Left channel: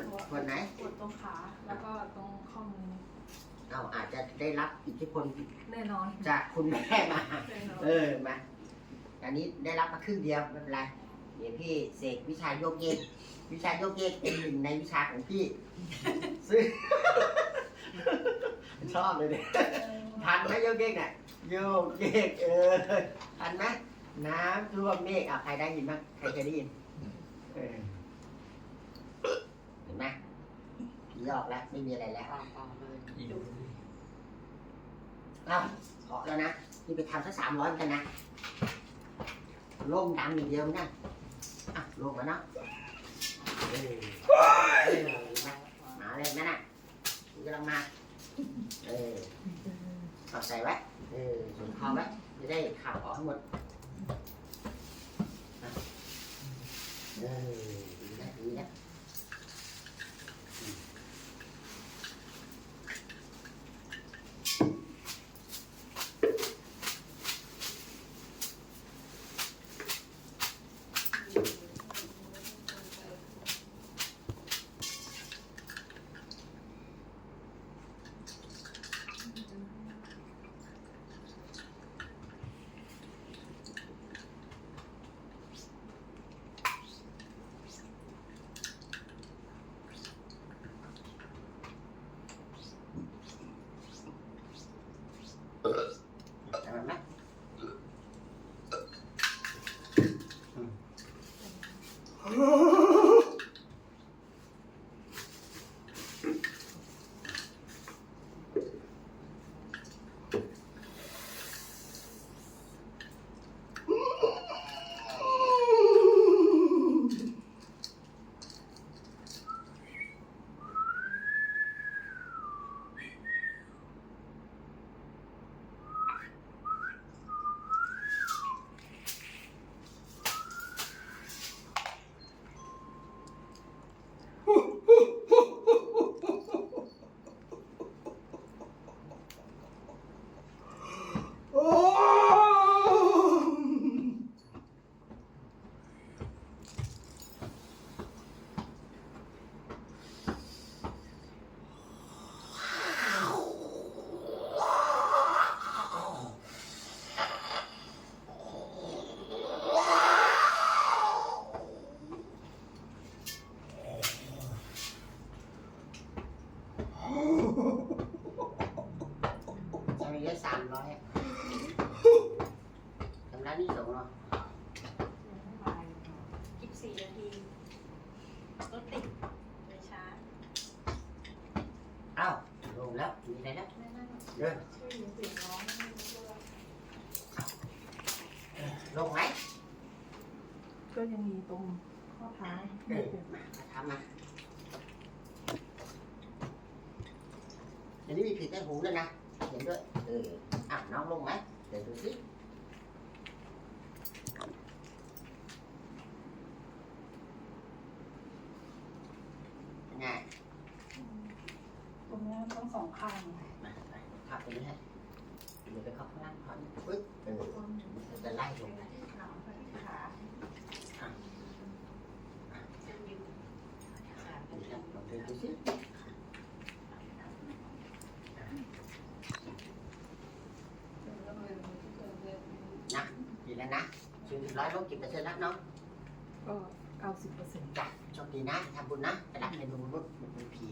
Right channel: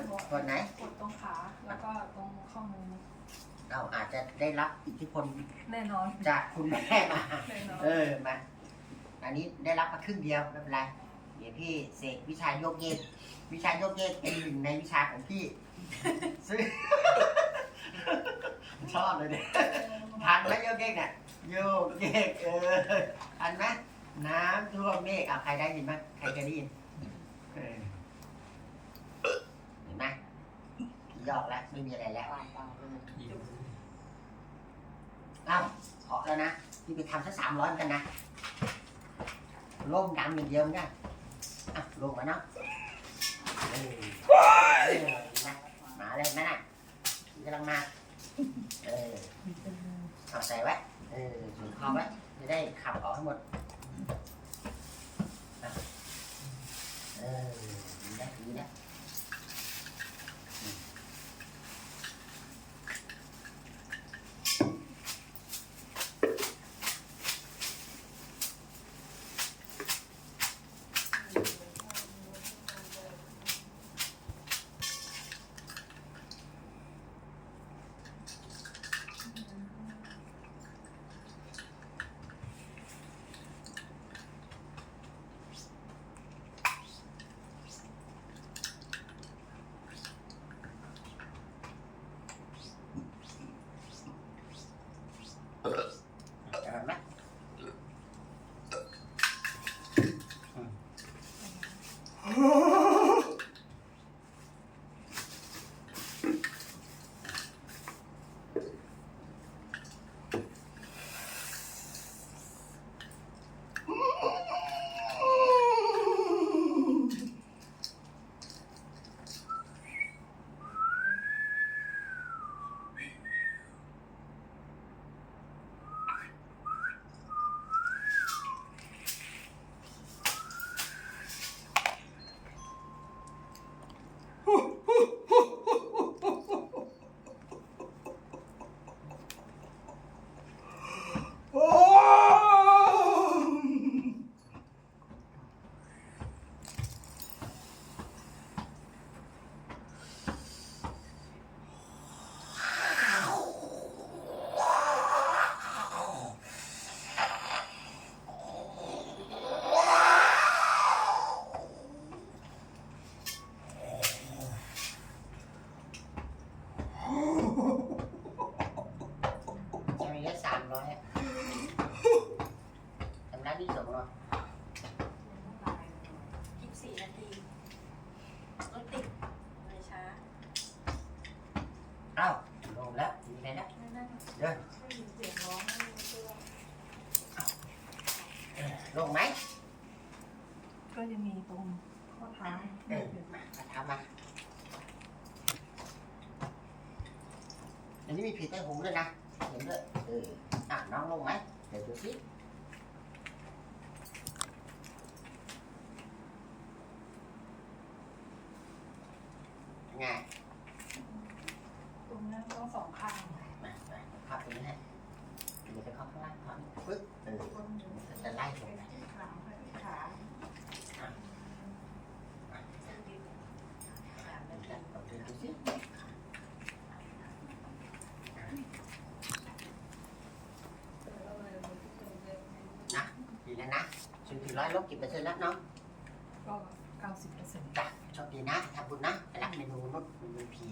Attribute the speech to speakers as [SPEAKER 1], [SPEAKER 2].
[SPEAKER 1] ดปวดไหน
[SPEAKER 2] ปวดตรงขาแล้วก็ตรงข้อมือ
[SPEAKER 1] เราอาจจะได้รับอิทธิพล
[SPEAKER 2] แน่นอน
[SPEAKER 1] จากคุณแม่มา
[SPEAKER 2] แน่นอน
[SPEAKER 1] เออมาอันนี้ได้รับมาครึ่งเดียวไม่เป็นไร เดี๋ยวพี่เสกวิชาโยกเยก วิชาโยกเยกเป็นหนึ่งในวิชาของพี่ ซึ่ง ชอบเลยเนี่ย ทันไหมโยกเยกเนี่ยโยกเยกเออทันไหมน้ำท่วมเมฆอะใครได้ยินบ้างใครเคยได้ยินเออเห็นไหม ผีออกแล้ว ไม่มีอะไรแล้วเอ้าขอแล้วนะนี่ไปทำสักสามร้อยกันนะล่มดำอย่างเดียวไม่ได้อะลงมาเนาะเออเออเห็นไหมมาเลยแม่น่ะนี่กำลังมาเออเอาใส่ไว้เออสูงคอไว้จะได้ขับออกให้หมด อ้าลงแล้วมีอะไรแล้ว
[SPEAKER 2] ได้ได้ค่ะ
[SPEAKER 1] เดิน
[SPEAKER 2] ช่วยเหลือเสียงร้องให้ช่วย
[SPEAKER 1] ลงไหม
[SPEAKER 2] ก็ยังมีตรงข้อเท้า
[SPEAKER 1] เออมาทำมาอันนี้มีผิดใต้หูด้วยนะเห็นด้วยเอออะน้องลงไหมเดี๋ยวดูสิยังไง
[SPEAKER 2] ตรงนี้ต้อง สองข้าง
[SPEAKER 1] มามาเข้าตรงนี้ฮะเดี๋ยวไปเข้าข้างล่างก่อนปึ๊บเออมันจะไล่ลงไปดูนะลองเดินดูสินะดีแล้วนะศูนย์ถึงร้อยลบกี่เปอร์เซ็นต์แล้วน้อง
[SPEAKER 2] ก็เก้าสิบเปอร์เซ็นต์
[SPEAKER 1] จ้ะโชคดีนะทำบุญนะไปรับเมนูมนุษย์มันเป็นผี